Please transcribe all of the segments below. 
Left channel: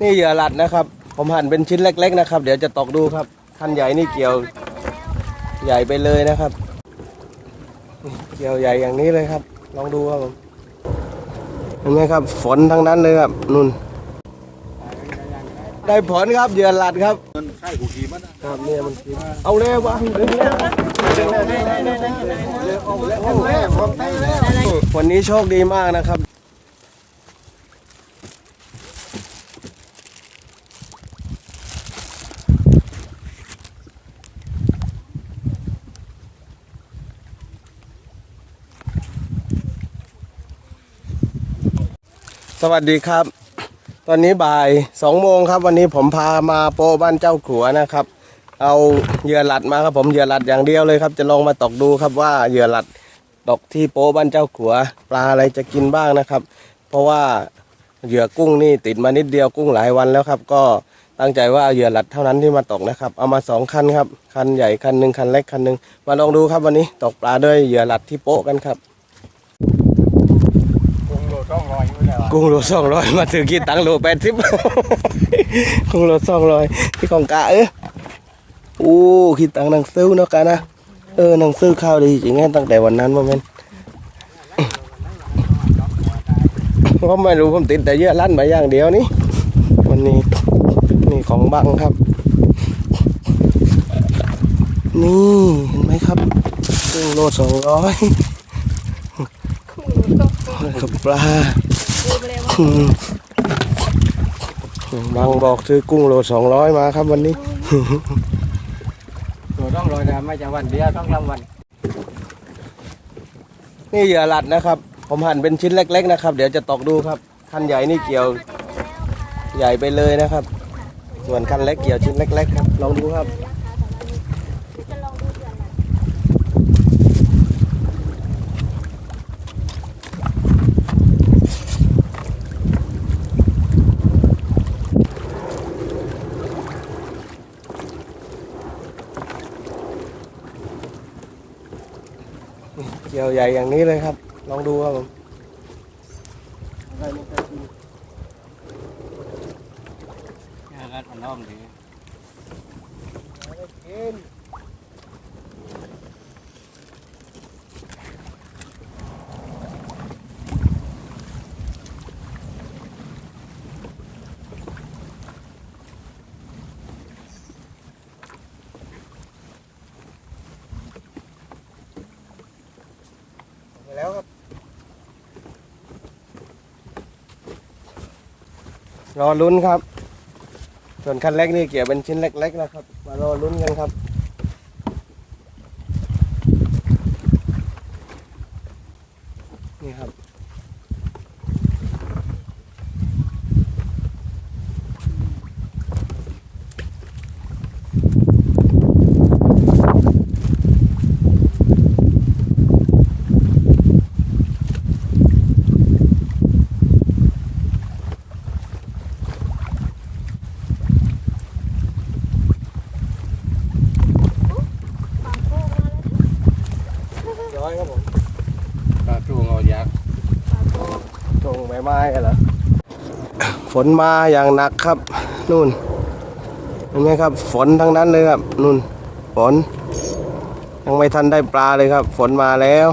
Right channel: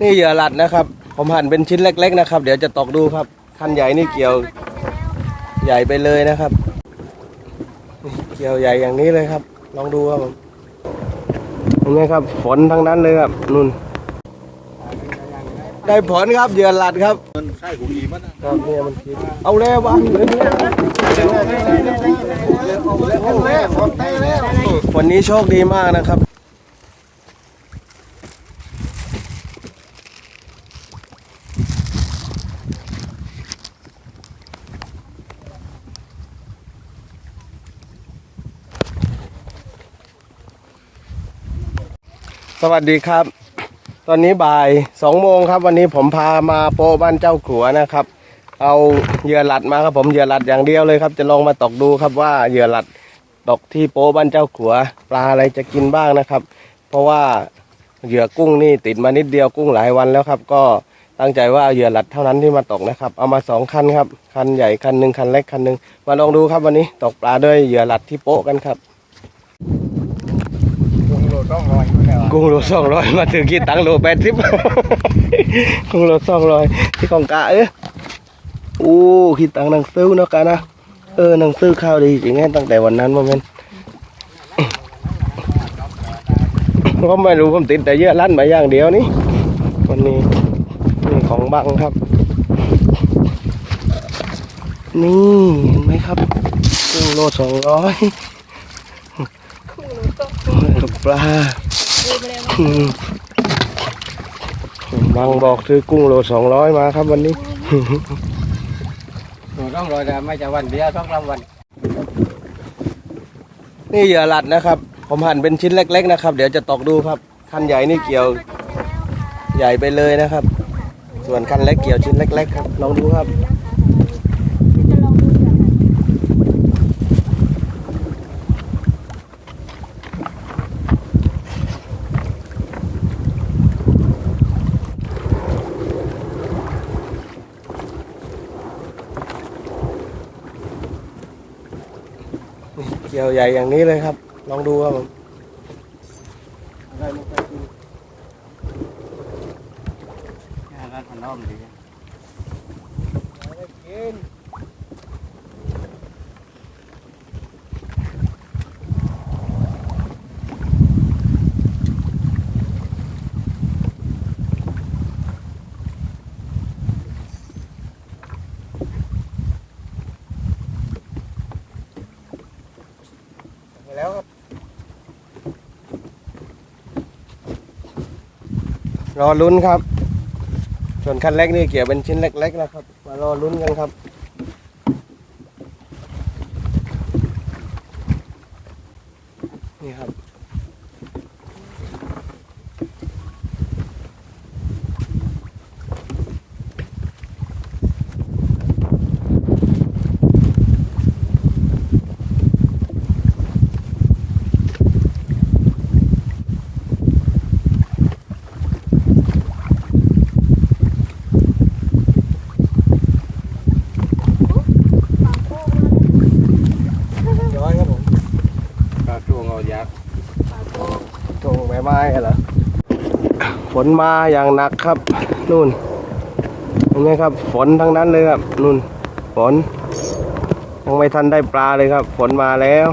นี่เหยื่อหลัดนะครับ ผมหั่นเป็นชิ้นเล็ก ๆ นะครับ เดี๋ยวจะตอกดูครับ คันใหญ่นี่เกี่ยวใหญ่ไปเลยนะครับนี่เกี่ยวใหญ่อย่างนี้เลยครับ ลองดูครับผมเห็นไหมครับ ฝนทั้งนั้นเลยครับนุ่น ได้ผลครับเหยื่อหลัดครับ มันใช่กูอีมันนะครับเนี่ยมันคิดเอาแล้ววะวันนี้โชคดีมากนะครับ สวัสดีครับ ตอนนี้บ่ายสองโมงครับ วันนี้ผมพามาโปบ้านเจ้าขัวนะครับ เอาเหยื่อหลัดมาครับผมเหยื่อหลัดอย่างเดียวเลยครับ จะลองมาตกดูครับว่าเหยื่อหลัดตกที่โปบ้านเจ้าขัว ปลาอะไรจะกินบ้างนะครับ เพราะว่าเหยื่อกุ้งนี่ติดมานิดเดียวกุ้งหลายวันแล้วครับ ก็ตั้งใจว่าเอาเหยื่อหลัดเท่านั้นที่มาตกนะครับ เอามาสองคันครับคันใหญ่คันหนึ่งคันเล็กคันหนึ่งมาลองดูครับวันนี้ตกปลาด้วยเหยื่อหลัดที่โปกันครับ กูโดดต้องรอยอยู่เนี่ย กุ้งโลสองร้อยมาถึงกี่ตังค์โลแปดสิบกุ้งโลสองร้อยที่ของกะเอ้ยอู้คิดตังค์หนังซื้อเนาะกะนะเออหนังซื้อข้าวดีจริงๆตั้งแต่วันนั้นโมเมนก็ไม่รู้ผมติดแต่เยอะลั่นมาอย่างเดียวนี่วันนี้นี่ของบังครับ นี่เห็นไหมครับกุ้งโลสองร้อยกับปลาอืม บางบอกซื้อกุ้งโลสองร้อยมาครับวันนี้โดดต้องรอยแต่ไม่จะวันเดียวต้องรำวัน นี่เหยื่อหลัดนะครับ ผมหั่นเป็นชิ้นเล็ก ๆ นะครับ เดี๋ยวจะตอกดูครับ คันใหญ่นี่เกี่ยวใหญ่ไปเลยนะครับ ส่วนคันเล็กเกี่ยวชิ้นเล็ก ๆ ครับ ลองดูครับ กี่ยวใหญ่อย่างนี้เลยครับ ลองดูครับผมงานถนอมอยู่ ไปแล้วครับ รอลุ้นครับ ส่วนคันเล็กนี่เกี่ยวเป็นชิ้นเล็ก ๆ นะครับ มารอลุ้นกันครับ นี่ครับ ร้อยครับผม ก็ช่วงเอายาก ตรงใบไม้เหรอ ฝ นมาอย่างหนักครับนู่นเห็นไหมครับ ฝนทั้งนั้นเลยครับนู่นฝน ยังไม่ทันได้ปลาเลยครับ ฝนมาแล้ว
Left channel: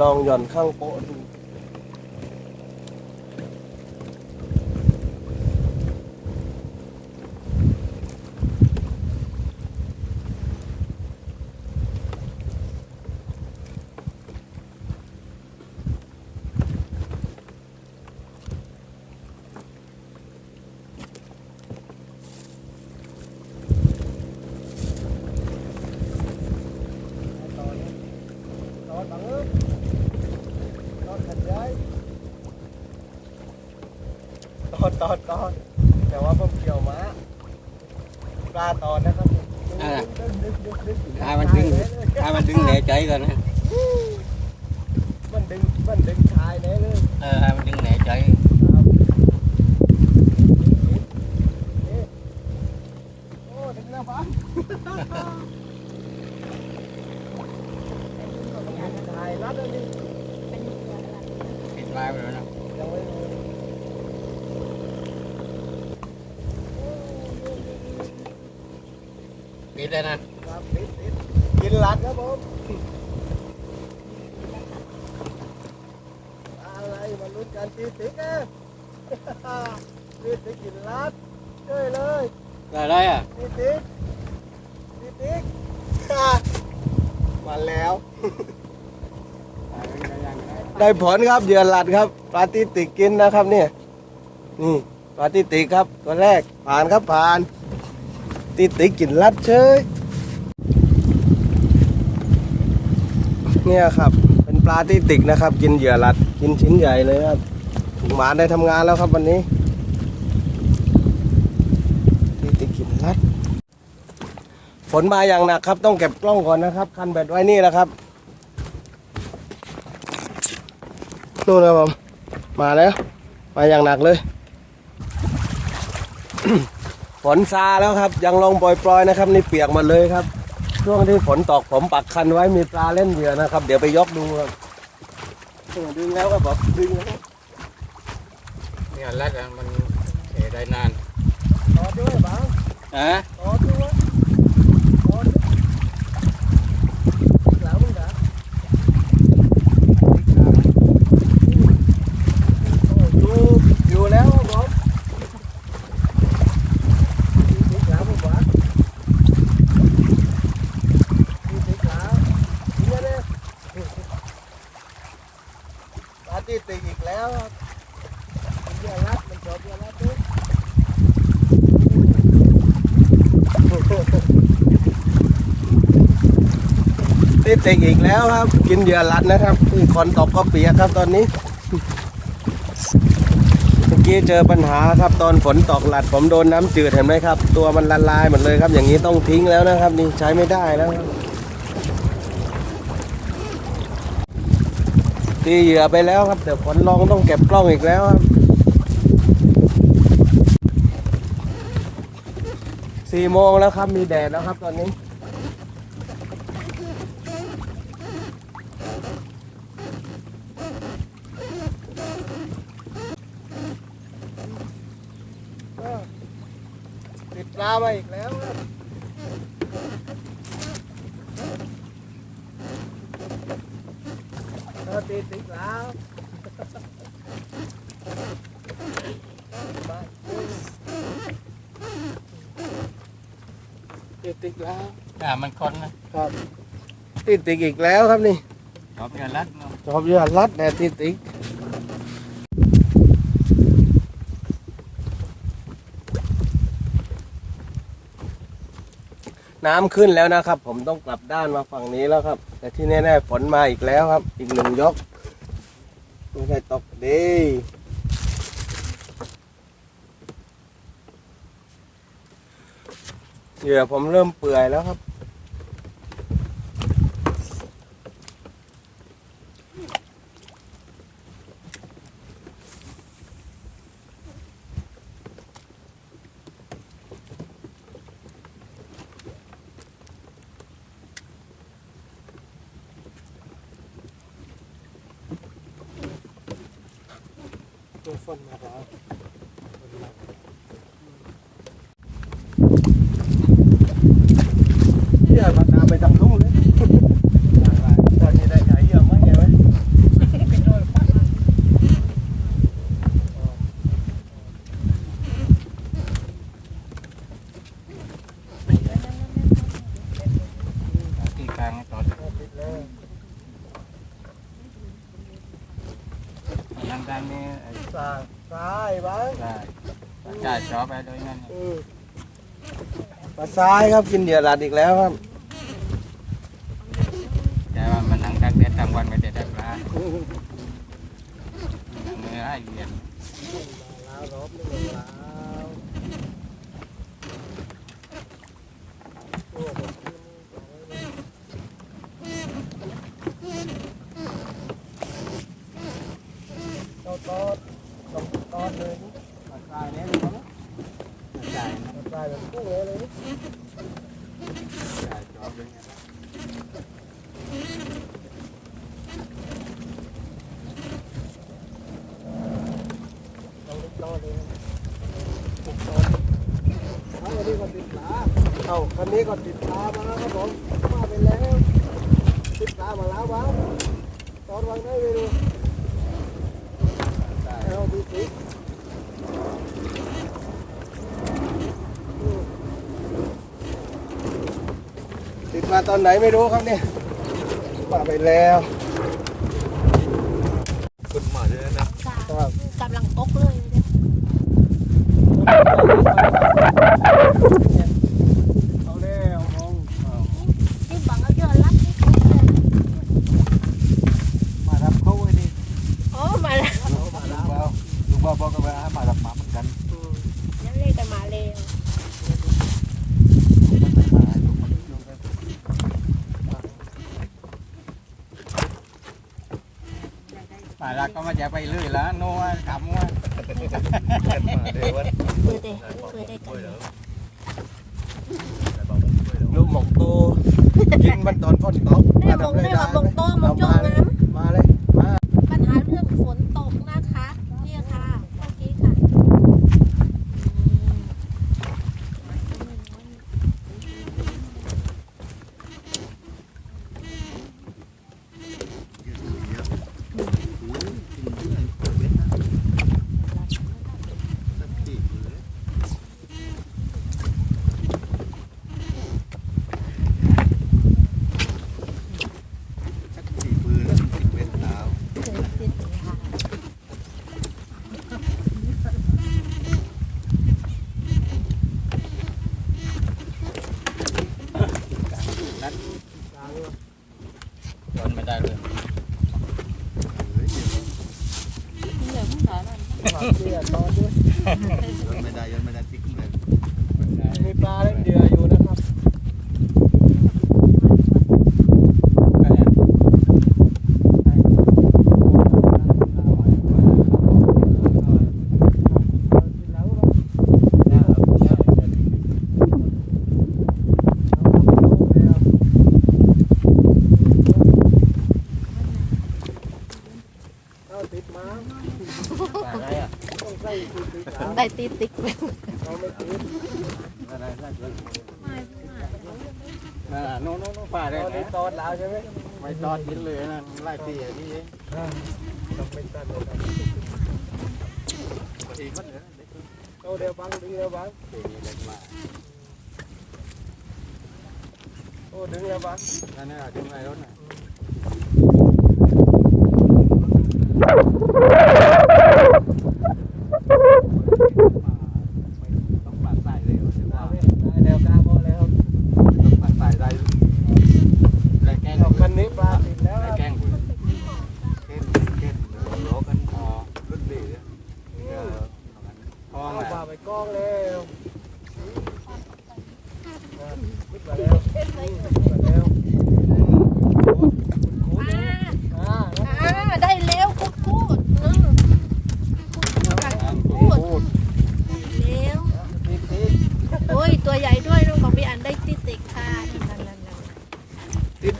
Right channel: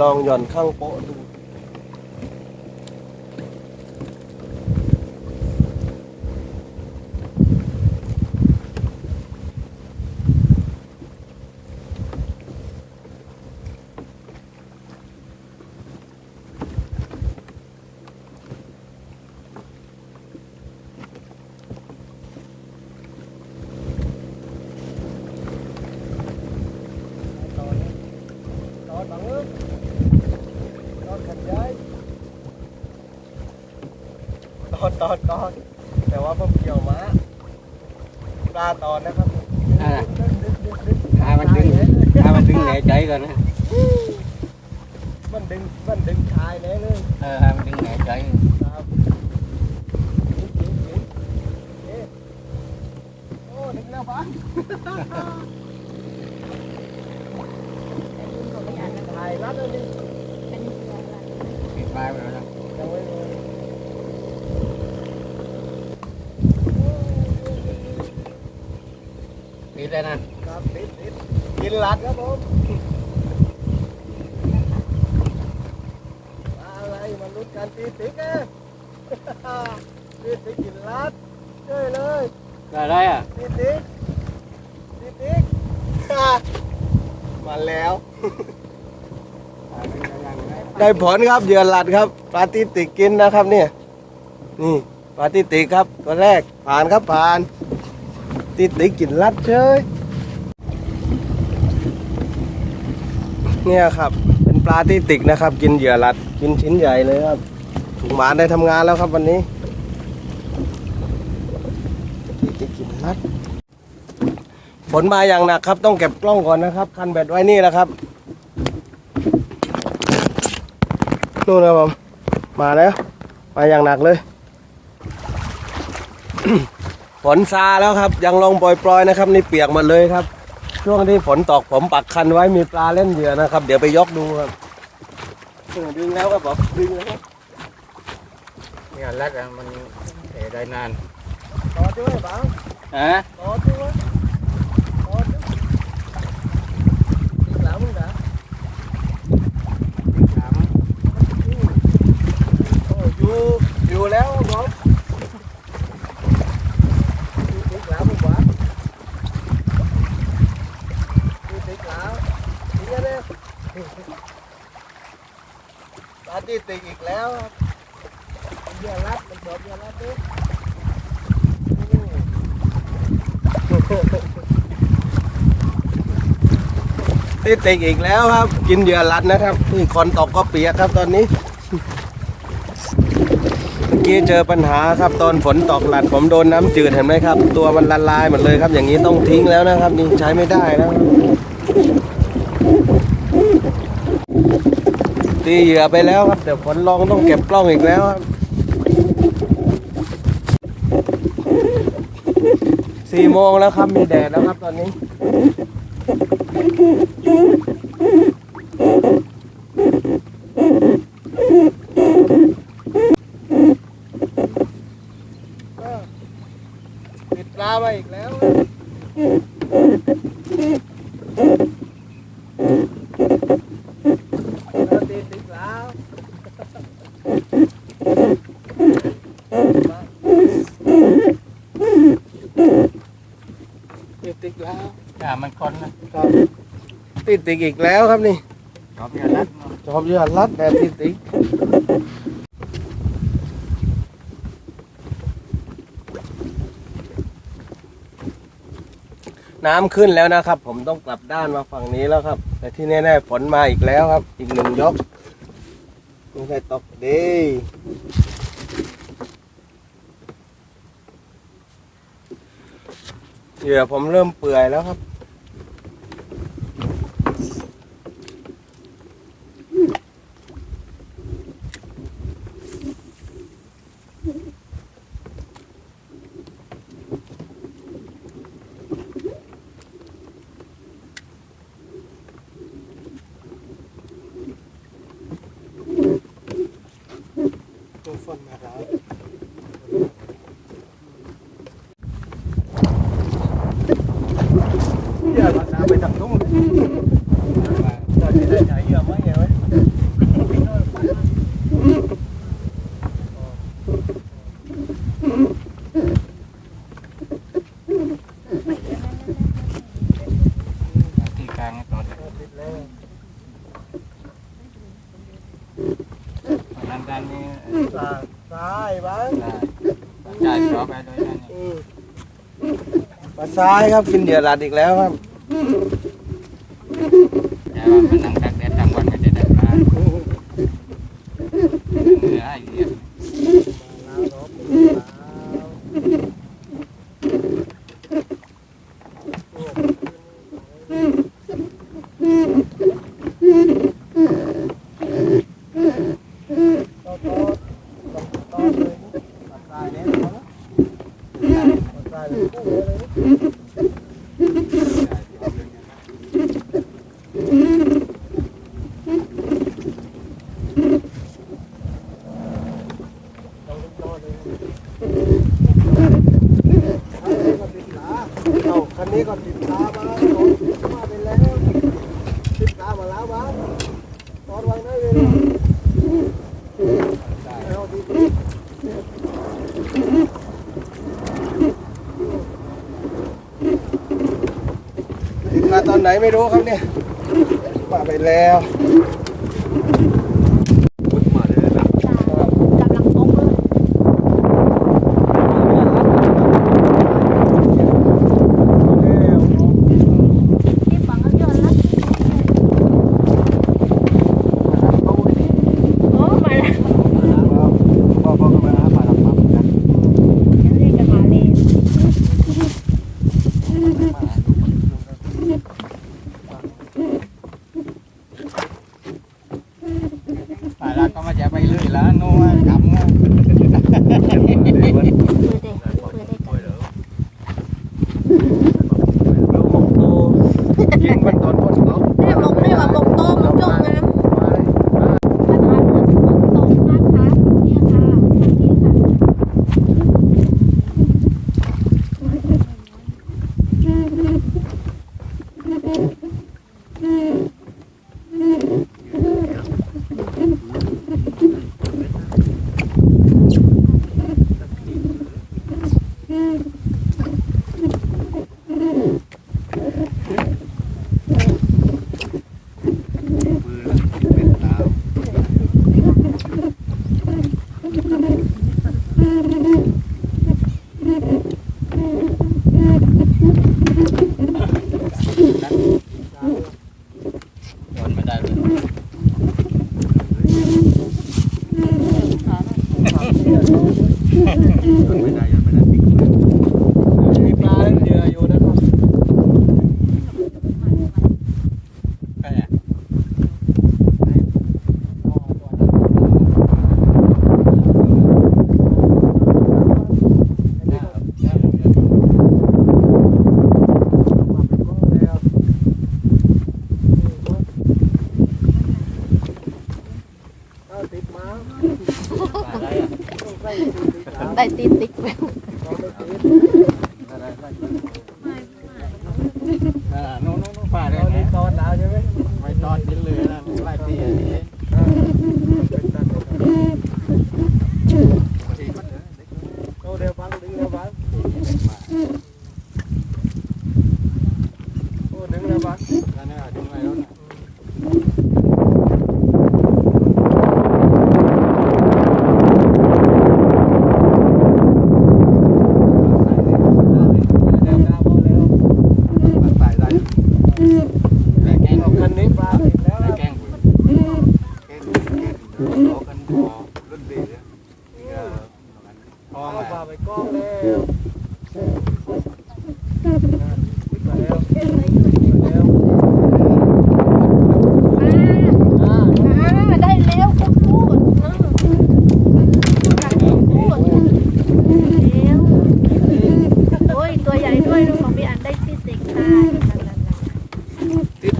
ลองหย่อนข้างโป๊ะดูตอนนี้ต อนบังเอิญตอนขันย้ายตอนตอนตอนแต่ว่าผมเกี่ยวม้าปลาตอนนะครับดึงดึงดึงดึงถ้ามันดึงถ้ามันดึงแหน่ใจกันนะมันดึงมันดึงชายแน่เลยเออให้มันดึงแหน่ใจครับโอ้ดึงแล้วปะ งชายรัดแล้วนี่ติดมาไปแล้วนะยังไม่รู้ปิดแล้วนั่นครับติดติดกินหลัดครับผมมาอะไรมาลุ้นกันตีติ๊กเองตีติ๊กกินหลัดช่วยเลยก็ได้อะตีติ๊กตีติ๊กมาแล้ว ได้ผลครับเหยื่อหลัดครับปลาติติกกินนะครับเนี่ยนี่ปลาติติกครับตัวแรกผ่านครับผ่าน ติติกกินลัดเชยเนี่ยครับ เป็นปลาติติกนะครับ กินเหยื่อหลัดกินชิ้นใหญ่เลยครับถุงหมาได้ทำงานแล้วครับวันนี้ติติกกินลัดฝนมาอย่างหนักครับ ต้องเก็บกล้องก่อนนะครับ คันแบตไว้นี่แหละครับ นู่นนะผมมาแล้ว มาอย่างหนักเลย ฝนซาแล้วครับ ยังลงปล่อยๆนะครับ นี่เปียกหมดเลยครับ ช่วงที่ฝนตกผมปักคันไว้มีปลาเล่นเหยื่อนะครับ เดี๋ยวไปยกดูครับเออดึงแล้วครับผมดึงแล้วเนี่ยรัดอะมันเออได้นานต่อด้วยบ้างฮะต่อด้วยต่อด้วยแล้วมึงนะโอ้ อยู่อยู่แล้วผมอยู่ติดแล้วผมว่าอยู่ติดแล้วนี่ไงเนี่ยปาร์ตี้ติดอีกแล้วมันเยอะรัดมันชอบเยอะรัดด้วยติดติกอีกแล้วครับ กินเหยื่อรัดนะครับนี่คอนตกก็เปียกครับตอนนี้ กี้เจอปัญหาครับตอนฝนตกหลัดผมโดนน้ำจืดเห็นไหมครับ ตัวมันละลายหมดเลยครับ อย่างนี้ต้องทิ้งแล้วนะครับ นี่ใช้ไม่ได้แล้วตีเหยื่อไปแล้วครับเดี๋ยวฝนลงต้องเก็บกล้องอีกแล้วครับสี่โมงแล้วครับมีแดดแล้วครับตอนนี้ ก็ติดปลามาอีกแล้วครับเออ ติดแล้วติดติดแล้วอ่ามันคนนะครับติดติดอีกแล้วครับนี่ชอบเนี่ยรัดนะจอมยอดรัดแต่ติดติดน้ำขึ้นแล้วนะครับ ผมต้องกลับด้านมาฝั่งนี้แล้วครับ แต่ที่แน่ๆฝนมาอีกแล้วครับ อีกหนึ่งยก ไม่ใช่ตกดีเหยื่อผมเริ่มเปื่อยแล้วครับ ไปทางนู้นเลยตอนนี้ได้ใหญ่เยอะไหมไงไหมที่กลางให้ต่อติดแล้วทางด้านนี้เออซ้ายซ้ายบ้างได้จ่ายชอบไปเลยนั่นนี่อืมาซ้ายครับกินเหยื่อหลัดอีกแล้วครับ แต่ว่ามันนั่งตักแดดทั้งวันไม่ได้ได้ปลาเนื้อไอเหี้ยมาแล้วรบ ไหนไม่รู้ครับเนี่ยป่าไปแล้ว Ha, ha, ha, ha, ha. ไม่ได้ ตอนนี้เลยนะไล่เตียโตเดียวบ้างดึงแล้วบ้างโอ้ดึงแล้วบ้างแล้วเนี่ยดึงอะไรรถไหน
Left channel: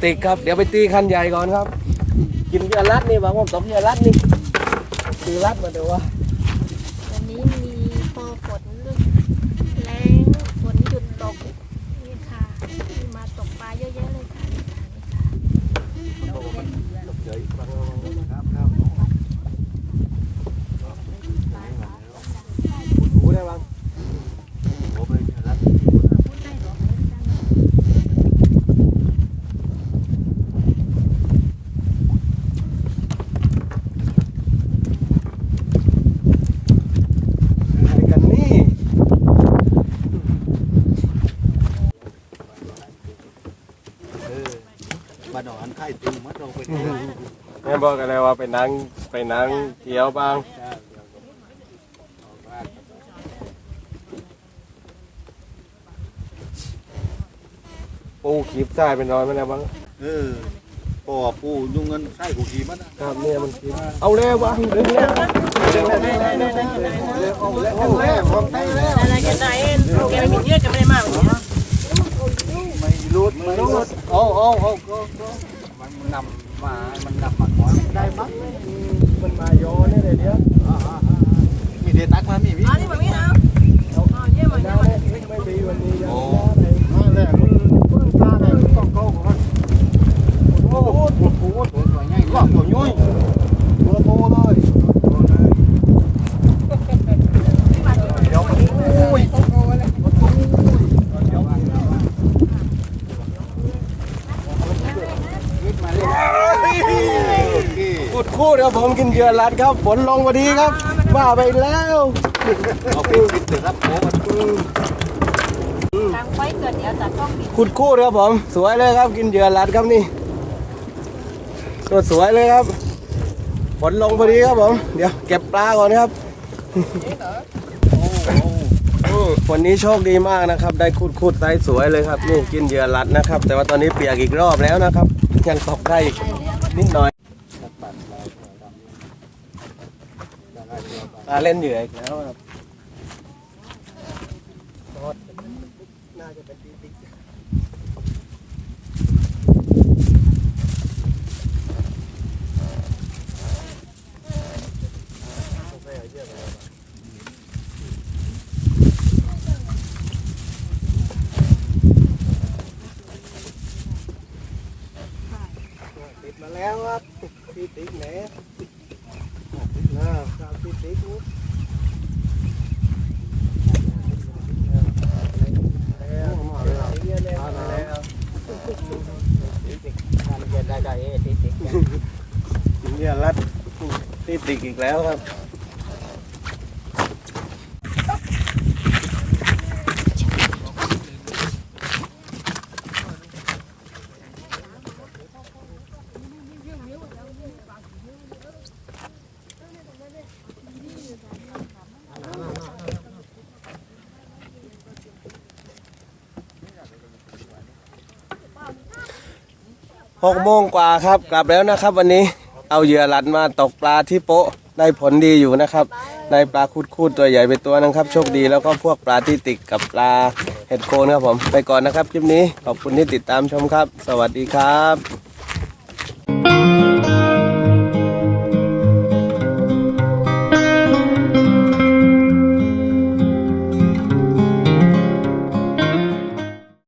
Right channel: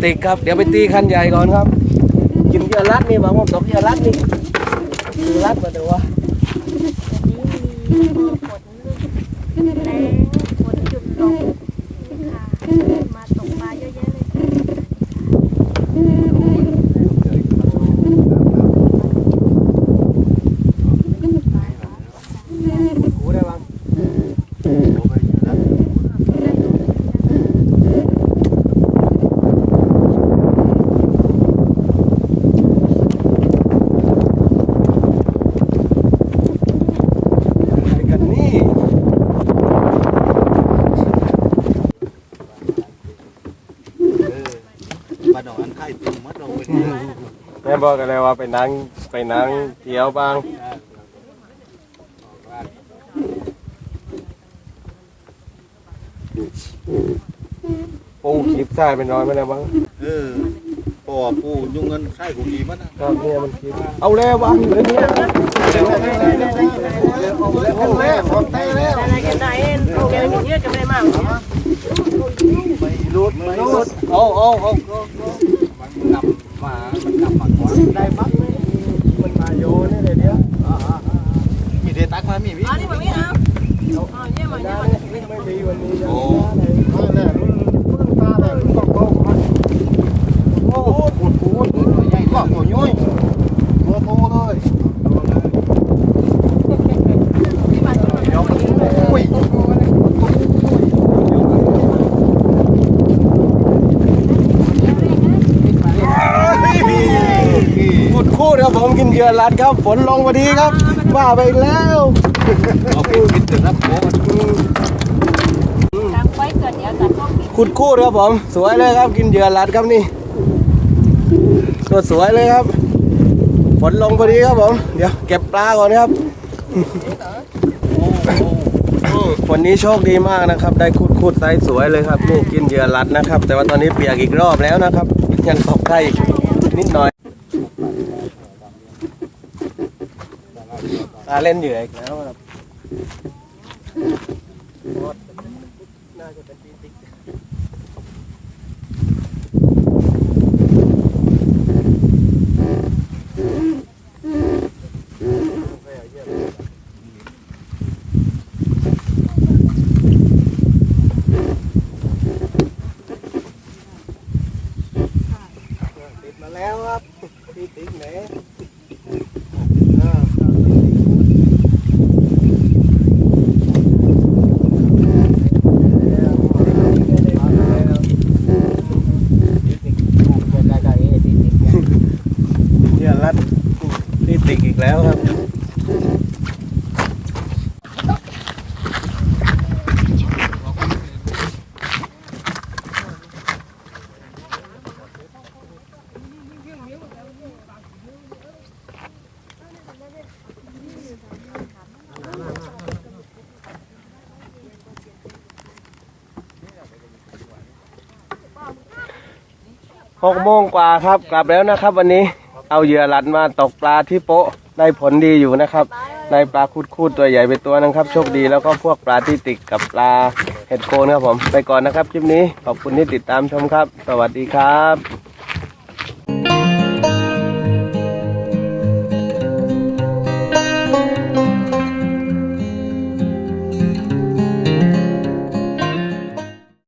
ติกครับ เดี๋ยวไปตีคันใหญ่ก่อนครับ กินเยอะรัดนี่บางคนตกเยอะรัดนี่รัดมาดูว่าวันนี้มี แม่บอกกันเลยว่าไปนั่งไปนั่งเที่ยวบ้างปูคลิปใส่ไปน้อยไม่ได้บ้างเออพอปูยุ่งเงินใช่กูอีมันนะครับเนี่ยมันขีบเอาแล้วบ้างเลยเนี่ยเล้วเล้วเล้วเล้วเล้วเล้วอะไรกันไหนแกอยู่เนี่ยจวเม่มากไม่รุดไม่รุวเอวเอวเอวเอามันนำ mà mình nằm mà có đây bắt mình mà vô nó rồi đi á mình để tắt mà mình biết ra đây mấy mì mình đi ra đây nè mình bước ra đây còn cô một cú một cú một cú nhanh quá của nhôi một cú thôi rồi đâu có ขุดคู่ครับผมกินเหยื่อรัดครับ ฝนลงพอดีครับ ว่าไปแล้วเอาปิดปิดเถอะครับโอ้กันตั้งไว้เกิดเดี๋ยวจะต้องมีขุดคู่ครับผม สวยเลยครับ กินเหยื่อรัดครับนี่ตัวสวยเลยครับ ฝนลงพอดีครับผม เดี๋ยวเก็บปลาก่อนครับวันนี้โชคดีมากนะครับ ได้ขุดขุดไซส์สวยเลยครับ นี่กินเหยื่อรัดนะครับ แต่ว่าตอนนี้เปียกอีกรอบแล้วนะครับ ยังตกได้อีกนิดหน่อย ตาเล่นเหยื่ออีกแล้วครับน่าจะเป็นตีติ๊ก ติดมาแล้วครับตีติ๊กไหนอ่าครับตีติ๊กเนี่ยรัดตีติ๊กอีกแล้วครับ หกโมงกว่าครับ กลับแล้วนะครับ วันนี้เอาเหยื่อหลัดมาตกปลาที่โป๊ะได้ผลดีอยู่นะครับได้ปลาคูดคูดตัวใหญ่ไปตัวนึงครับโชคดีแล้วก็พวกปลาที่ติดกับปลาเห็ดโคนครับผม ไปก่อนนะครับคลิปนี้ขอบคุณที่ติดตามชมครับ สวัสดีครับ